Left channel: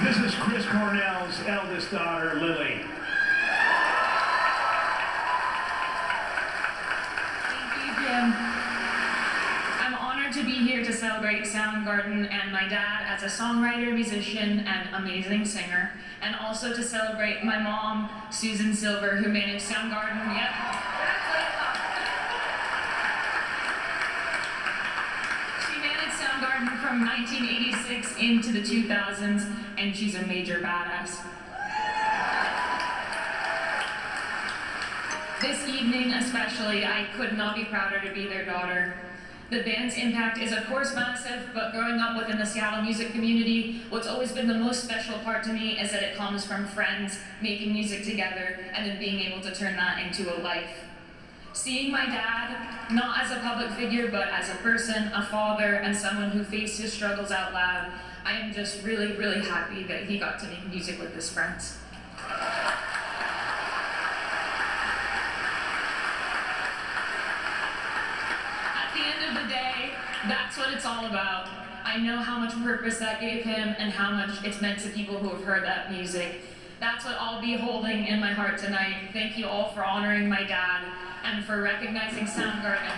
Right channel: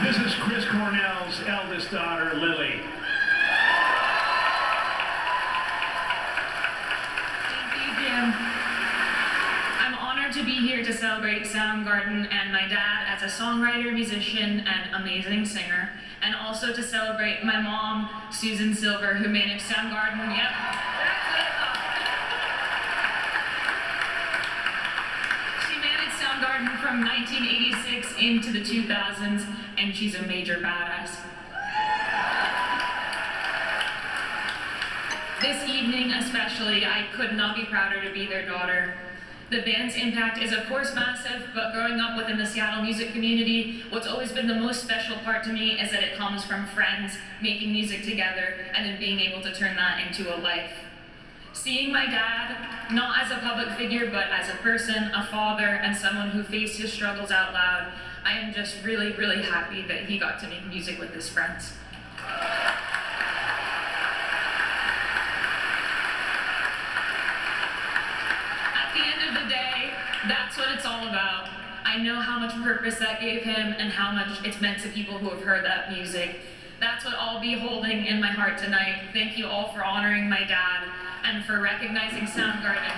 This is Chris Cornell's eldest daughter, Lily. Thank you, Jim. I'm honored to be here to celebrate Soundgarden and my dad as a songwriter, musician, and amazing singer, and also to celebrate my mom, Susan Silver, who managed Soundgarden. Yep. She managed Soundgarden from 1986 into the 2000s, and she's a major badass. This evening especially, I could not be prouder to be their daughter. The band's impact is of course massive, but growing up within the Seattle music community, what's always been the most special part to me is that it comes from friends making music together and then being able to turn that into a life. Seeing my dad, not as a public figure, but as a person, a father, and someone who faced his struggles out loud, I am just really, really happy that he got to make music with his friends. That's what it's all about. I know how much purpose that gave him and how much it's meant to people who have heard that music. That's what I'll be holding in my heart tonight. Thank you all for honoring my dad and for recognizing Soundgarden.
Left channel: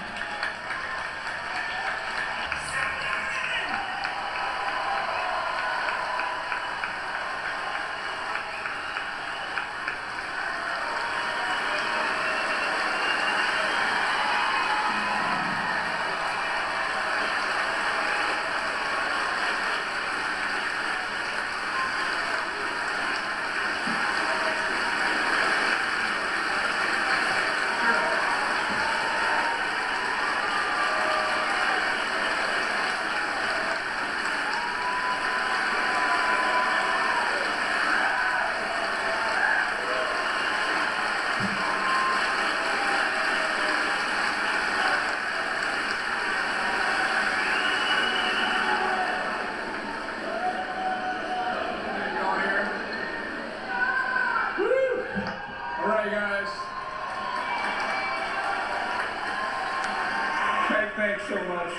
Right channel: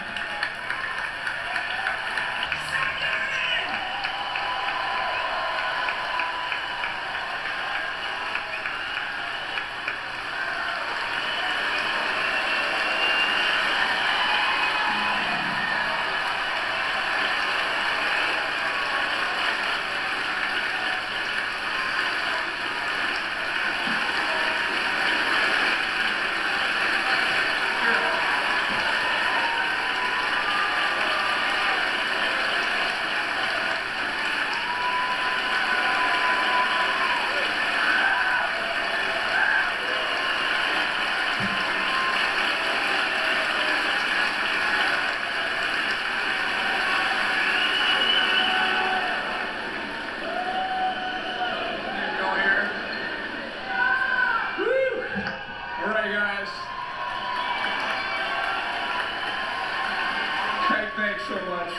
Thanks so much,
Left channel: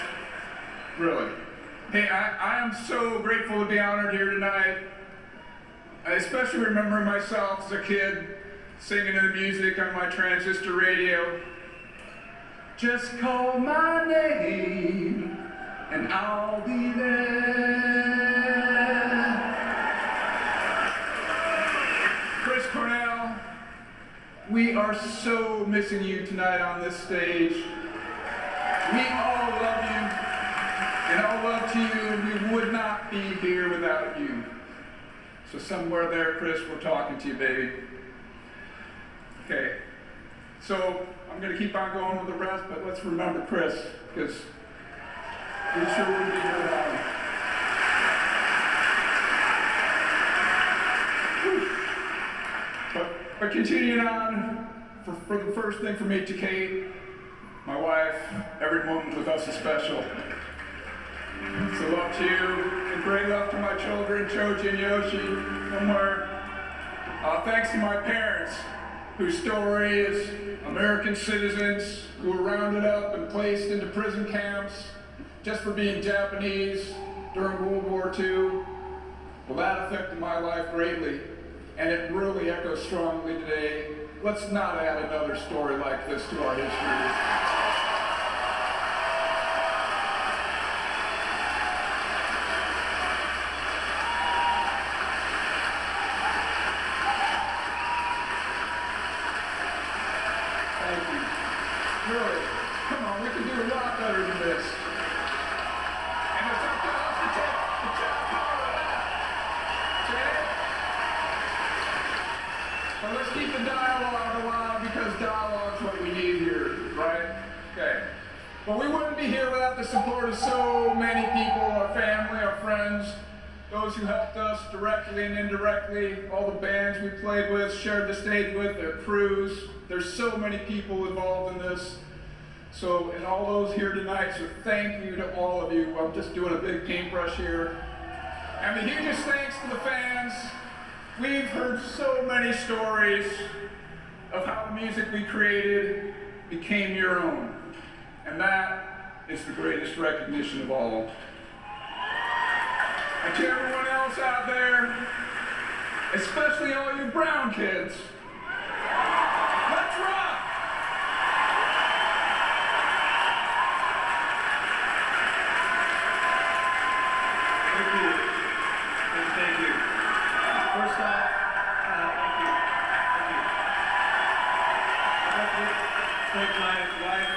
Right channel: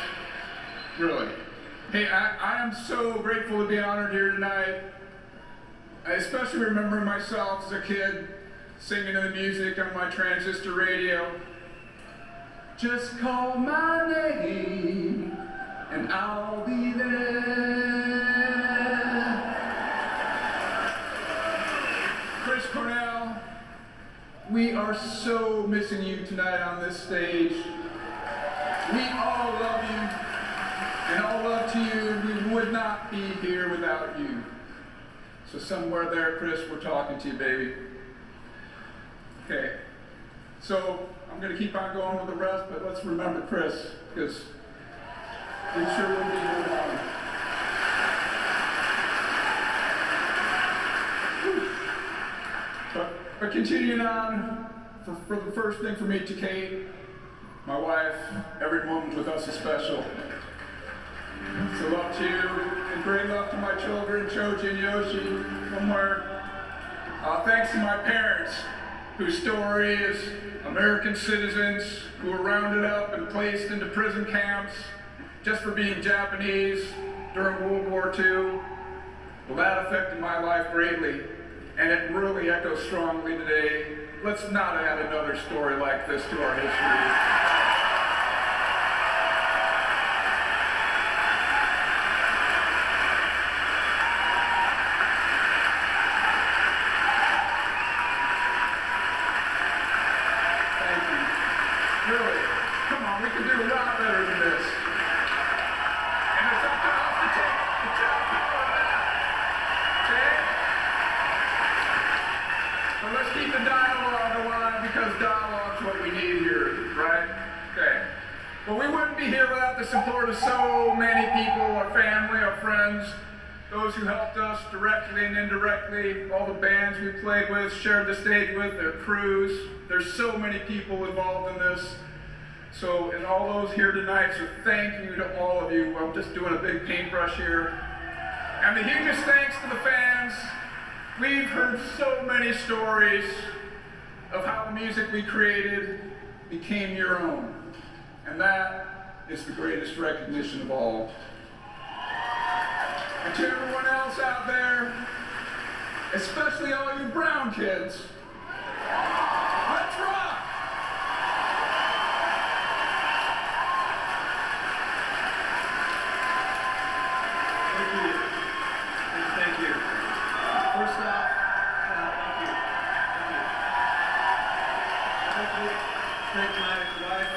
really. Hey, I am so grateful to be honored here tonight. I especially remember myself as a kid singing in the music on my transistor radio. Just call my name and I'll be there. Chris Cornell, we are so missing you tonight on this stage. We all love you, and all love to you, and we would not be here without you. So somewhere there, Chris, we're talking to you, baby. Okay, so I'm going to keep on going with the rest, but let's remember Chris, because we sure will be here without him. But continuing on, for the first thing for me, to Kate, my wife, every moment with us is special. So love to you, and great love to my children, Choji and Yoshi, somewhere. Thanks to my parents, whose story is American citizens who were rounded up and placed into prison camps just for being Japanese during World War II. Well, that affected my life greatly, and it really echoes strongly today. Let's not add another story like this to our history. Really, come on, we can do a lot better than this. And it's up to us to take power of that. Okay? So let's keep the dialogue alive, because dialogue's what we need here, right? Okay. But we wouldn't be here without the support of so many people, our family, our friends, those who helped us directly and indirectly, all the bands we played with, shared the stage with, their crews. There's so many people involved in this. So, and all those here tonight, so thank you to all of you. I'm just doing a big paintbrush here. And the hugest thanks to the fans. We've heard so many stories of how the music we created became your own. And that is the greatest recognition of all. And to everyone else out there, especially all you brown kids, let's rock! Thank you. Thank you. First off, thank you. Thank you. I'd like to thank my wife,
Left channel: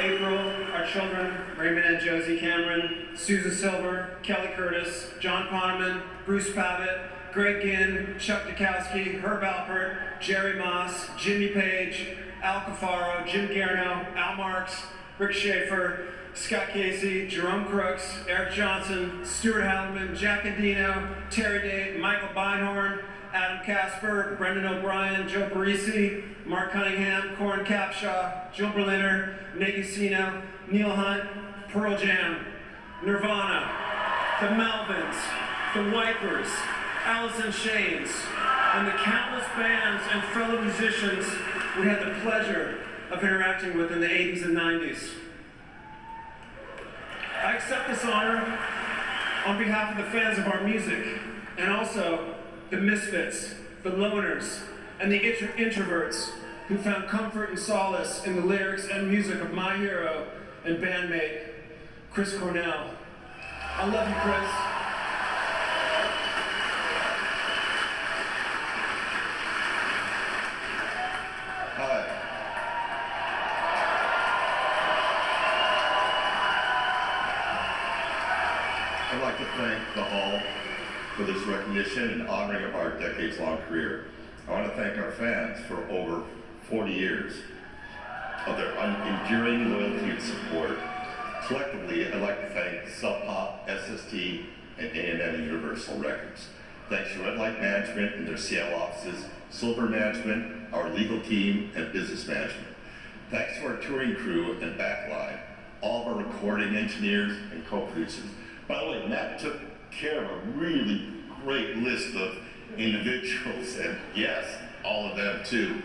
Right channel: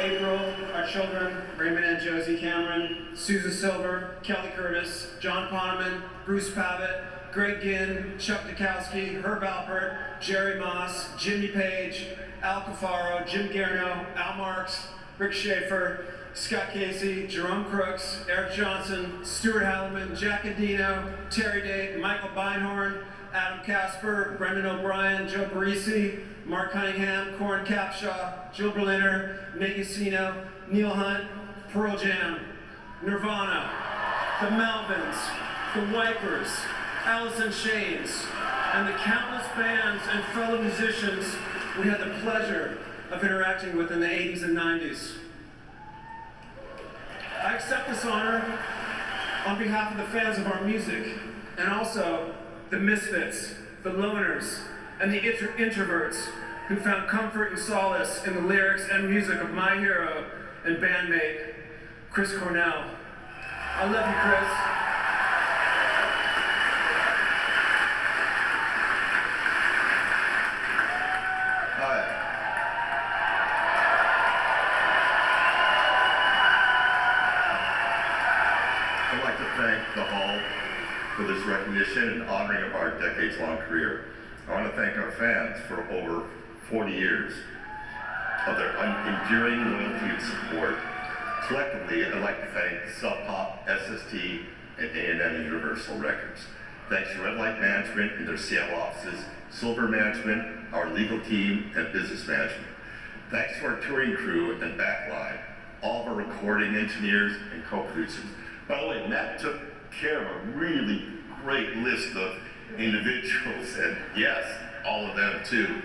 April, our children, Raymond and Josie Cameron, Susan Silver, Kelly Curtis, John Poneman, Bruce Pavitt, Greg Ginn, Chuck Dukowski, Herb Alpert, Jerry Moss, Jimmy Page, Al Cafaro, Jim Garno, Al Marks, Rick Schaefer, Scott Casey, Jerome Crooks, Eric Johnson, Stuart Halliman, Jack Andino, Terry Date, Michael Beinhorn, Adam Casper, Brendan O'Brien, Joe Parisi, Mark Cunningham, Corin Capshaw, Jill Berliner, Nate Ucino, Neil Hunt, Pearl Jam, Nirvana, the Melvins, the Wipers, Alice in Chains, and the countless bands and fellow musicians we had the pleasure of interacting with in the 80s and 90s. I accept this honor on behalf of the fans of our music, and also the misfits, the loners, and the introverts who found comfort and solace in the lyrics and music of my hero and bandmate, Chris Cornell. I love you, Chris. Hi. I'd like to thank the Hall for this recognition and honoring of our decades-long career. I want to thank our fans for over 40 years of their enduring loyalty and support. Collectively, I'd like to thank Sub Pop, SST, and A&M and Universal Records. Thanks to Red Light Management and their Seattle offices, Silver Management, our legal team, and business management. Thanks to our touring crew and backline, all of our recording engineers and co-producers. By the way, Matt took care of a really great list of individuals, and yes, all of them too.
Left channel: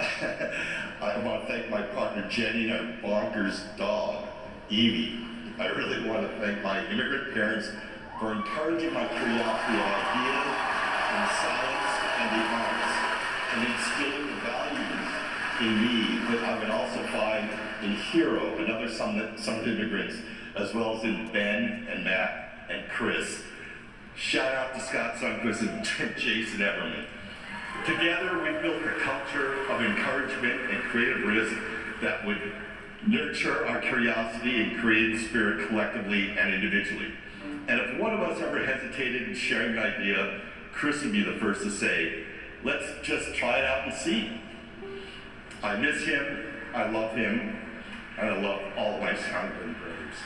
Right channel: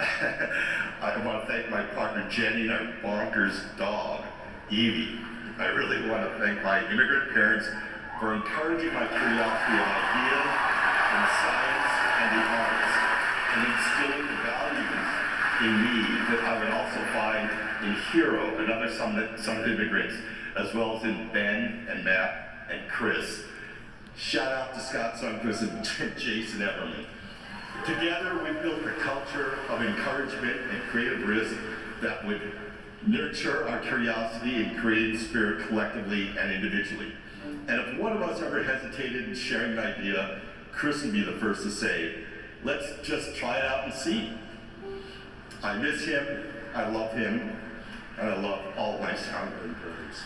I want to thank my partner Jenny and our bonkers dog, Evie. I really want to thank my immigrant parents for encouraging my curiosity of ideas and science and the arts, and instilling the values in me that I would also find in Hero and other Summit immigrants, as well as in Ben and Matt and Chris. Shout out to Scott Sundquist and Jason Everman. Together, we built a culture of encouragement and creative risk that would nurture our curiosity and creative spirit collectively and individually. And if one of us ever hesitated in sharing an idea, Chris would be the first to say, let's just try it out and see. I miss him, I love him, and I love all my Soundgarden brothers.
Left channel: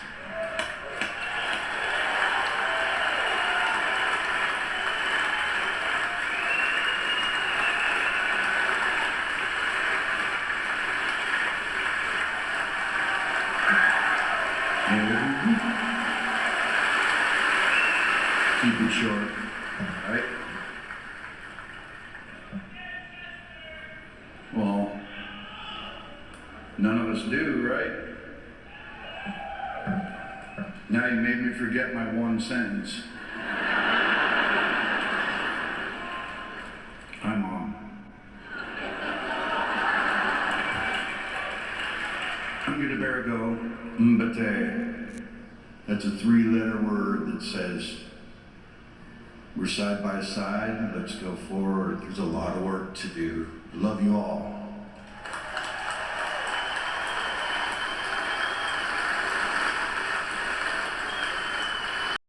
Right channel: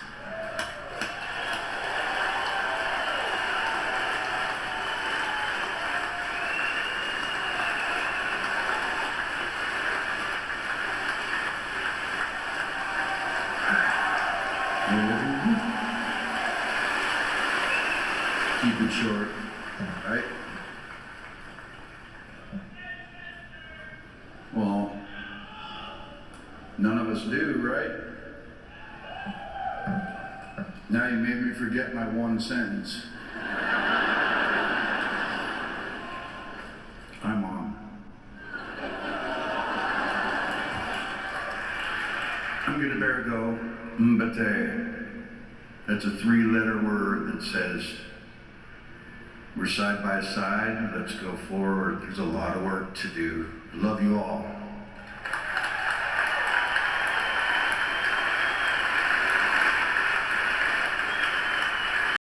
Keep it short, right? Well, none of us do, right? Now you made me forget my one sentence. I'm on. I'm gonna bear go mbate. That's a 3-letter word that says, we're side by side, let's go forward. There's a lot of work to do. Love you all.